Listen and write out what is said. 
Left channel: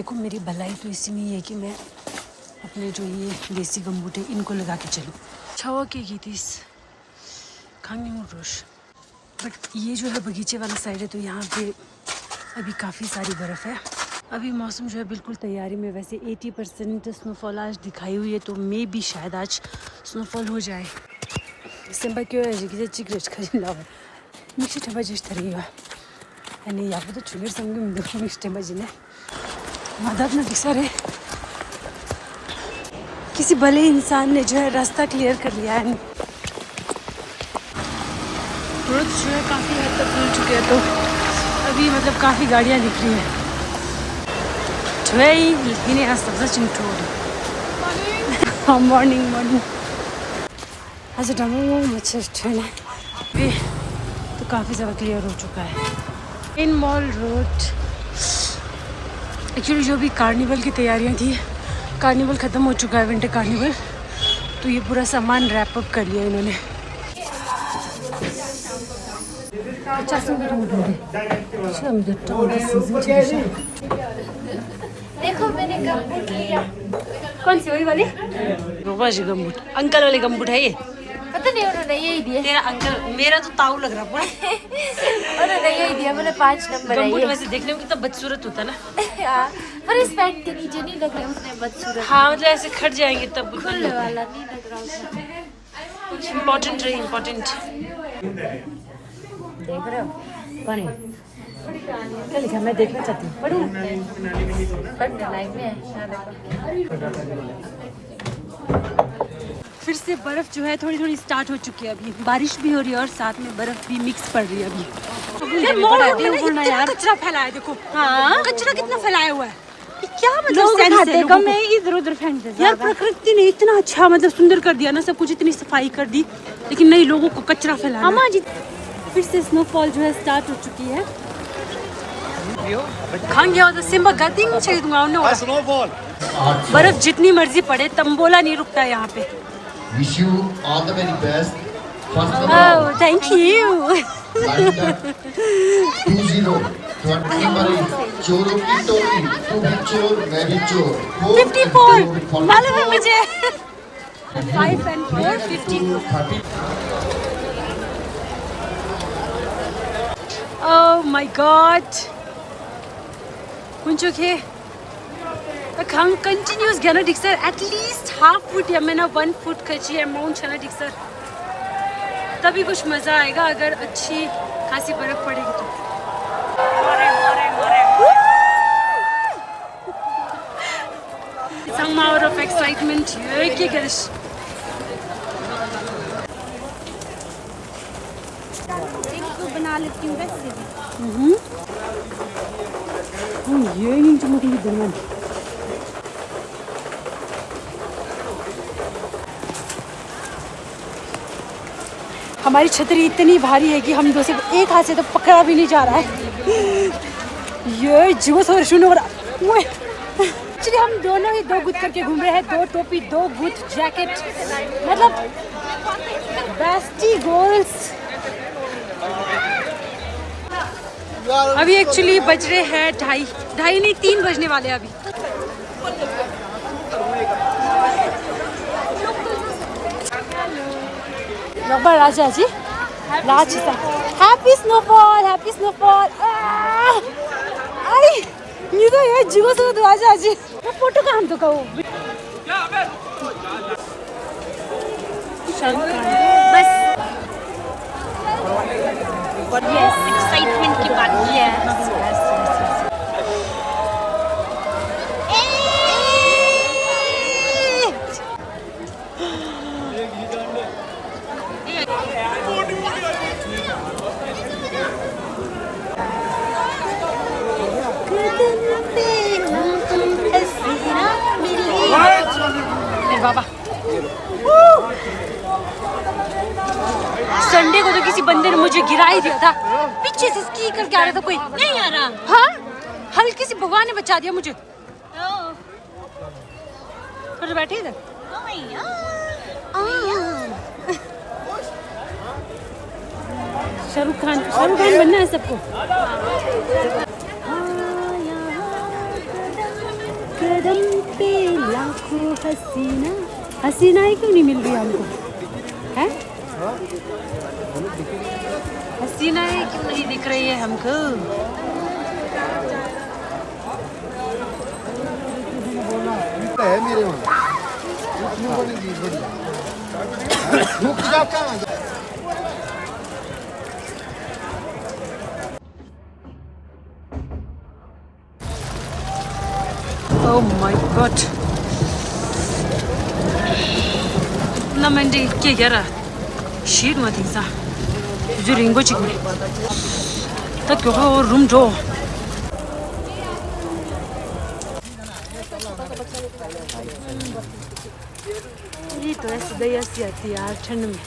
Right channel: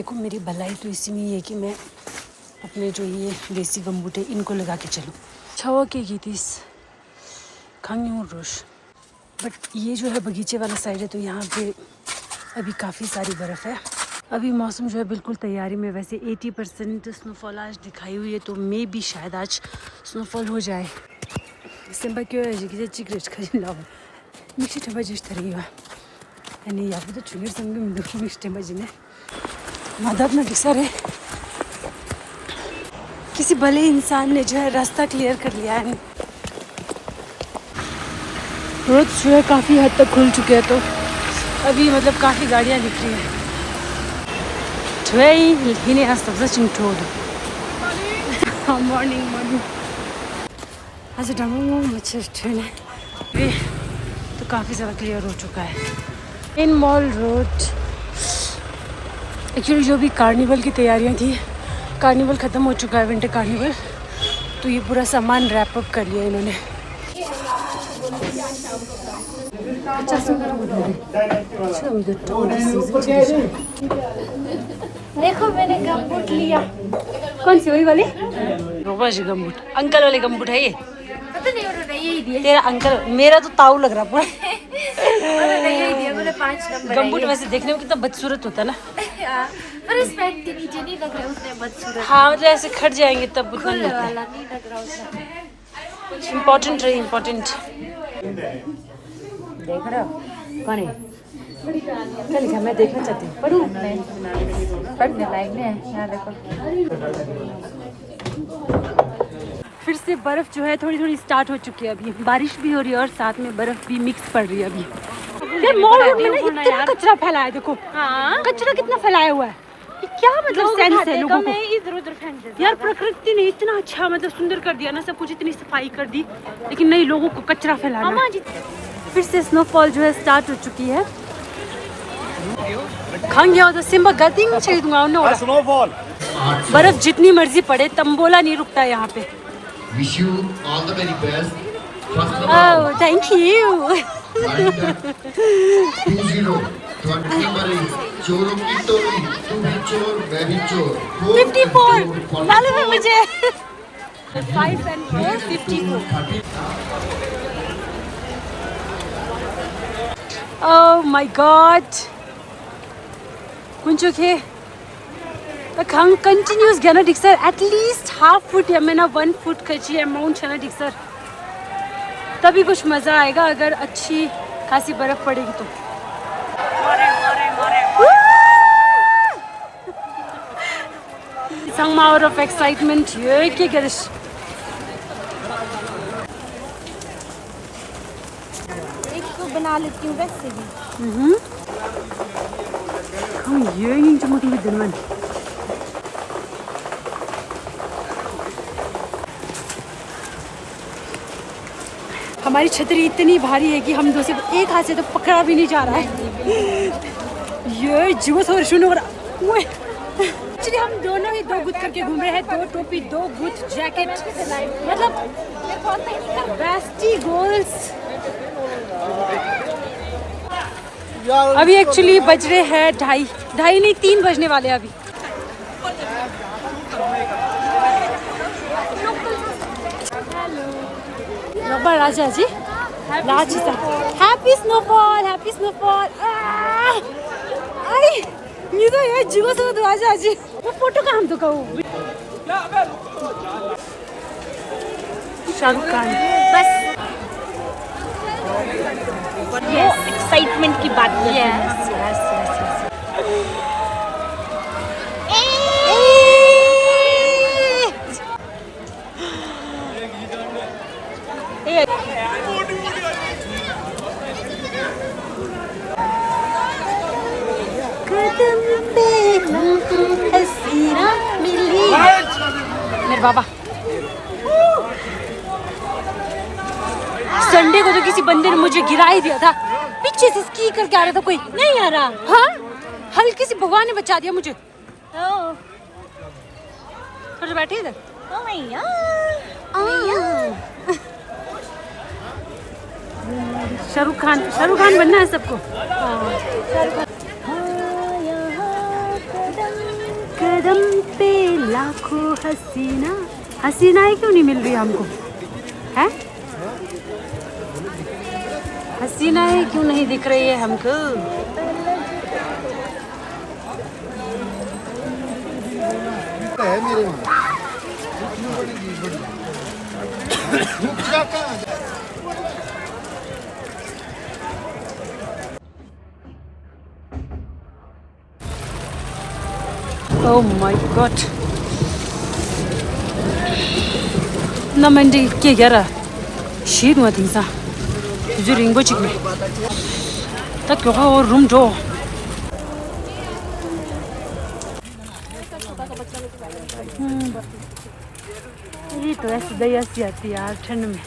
देखो मेरी भलाई तो इसी में ही है कि मैं अपने जो ये देसी गमबूट है इनको लगा के चलूँ। छवा के गई थी खांगी रोश। बट ये जो है बगीचे वाला साइड है तो यहाँ पे अभी काफ़ी सारी बर्फ़ है। अभी मौसम जो है बिल्कुल तैयारी में। वैसे 80% स्नोफॉल आज दिखाई हुई है तो मे भी शायद आज स्नोफॉल हो जाए। सिंबा क्यों है कि चिकरेट खरीद लाओ मिक्सी थे बजे तरीगा यानी यहाँ पे तो चुने संग मिस्टे बजने मदद में दिखा रहे किसी भले इंसान ने जो है रास्ता क्लियर कर लिया है। रोड जो है काफ़ी हद तक खुल चुके हैं तो अभी मतलब काफ़ी गाड़ियाँ दिख रही हैं। इन्हें आज सबसे चिंटो मॉर्निंग आज डमो मच्छर ट्रेन है तो काफ़ी ज़्यादा क्लियर हो चुका है। इन मॉल रोड एक्चुअली जो भी कार्निवल की तैयारियां थी, कार्निवल ख़त्म हो चुका है, विंटर कार्निवल, तो ये पूरा सामान रैप अप कर लिया इन्होंने। 50 देखो मैंने गमबूट लिया। कौन सी वही वाली? गमबूट अंकल वाले गमबूट है ये? पता नहीं उन्होंने यही दिया। तेरा अंकल, मेरा तो ताऊ लग रहा पूरा। उन्होंने यही दिया, मैंने 5 नंबर। गमबूट वैसे देखने में कितना बदसूरत होता है ना, पर इस पैंट के नीचे नहीं लग रहा उसने बदसूरत। हाँ मतलब ऐसे खट जाएंगे तब खुले वाला नहीं लग रहा उसने। इम्पोर्टेंट रही इम्पोर्टेंट। देख रहा कौन है? क्या लिखा? मैं देखना चाहती हूँ, पढ़ूँ? पढ़ने लायक नहीं है। फिर से बर्फ जो है थोड़ी थोड़ी स्टार्ट हो चुकी है। अभी बारिश भी हो रही है और साथ में बर्फ भी मिक्स पड़ रही है अभी। यार मॉल रोड में ना इतना कचरा फैला है, देखो हाँ कचरा कितना फैलाया हुआ है। क्या मतलब सेंस है लोगों को? इधर उधर फेंक देते। यार प्रकृति ने इतना अच्छा मतलब सुंदर कर दिया ना, सब कुछ इतनी सफाई कर दी, लेकिन नहीं लोगों को कचरा फैलाना। फिर से स्नोफॉल जो है स्टार्ट हो चुकी है। खान गया तो सिम्बा गर्दिंग चाहिए दूंगा उन्हें। बर्फ जितनी मर्जी पड़े तंबोला नहीं रुकता यहाँ पे। Wish you all the very best. Oh, thank you. 20 number is चोरों की टोली, तू भी चोर मैं भी चोर। 54 मालूम है मुझे। 5 and 4 54। Oh my God. कुंचो के खांग कंटिन्यूस गया डिक्सर एटलीस्ट हाफ फुट या मैंने 1 फुट खची अमाउंट है ना डिक्सर, तभी कुछ मज़ा आएगा अगर अच्छी खासी बर्फ पड़ेगी तो। Some out of excitement. ये क्या करिश? ये नहीं चुमकी दिन में। हमारी छतरी इतनी भारी है कि हम दो से एक हाथ से तो पकड़ा भी नहीं जा रहा है। ये जीवो सो शुरू हो रहा। एक्चुअली हम दोनों ही 2 गुथ करके घूम रहे हैं, 2 टोपी 2 गुथ जैकेट, मतलब बेस्टी गोल्स। अभी एक्चुअली बज रहे हैं 2:30 नहीं 3 बजने वाले हैं अभी। रब्बा राजा जी लाच हैप्पी स्नोफॉल आई ये तो ये जीवो से राजा जी वो फोटो का हम तो कहूँ शाहरुख खान बस यस एक्साइटमेंट की बात। यस मेरे बाबा संडे को तो किसी बंदे ने मुझे गिरा ही दिया था, पीछे से स्की करके आ रहा था कोई। नहीं आ रहा। हाँ हल्के से भगवान ने बचा दिया मुझे। थोड़ा बैठे इधर। शाहरुख खान बनना है सबको। कदम पे लाखों हसीना, हसीनाएं क्यों नहीं मिल रही हमको, हैं? हसीनाएं क्यों नहीं दिख रही है हमको? है मेरे वहाँ उसमें बड़ी चीज Oh my god. Na mandi ke gara. Shi no tinsa. Ziringo chikme. Ta kyo room do. ये तो ऐसे दया सी आती है यार ठंड में।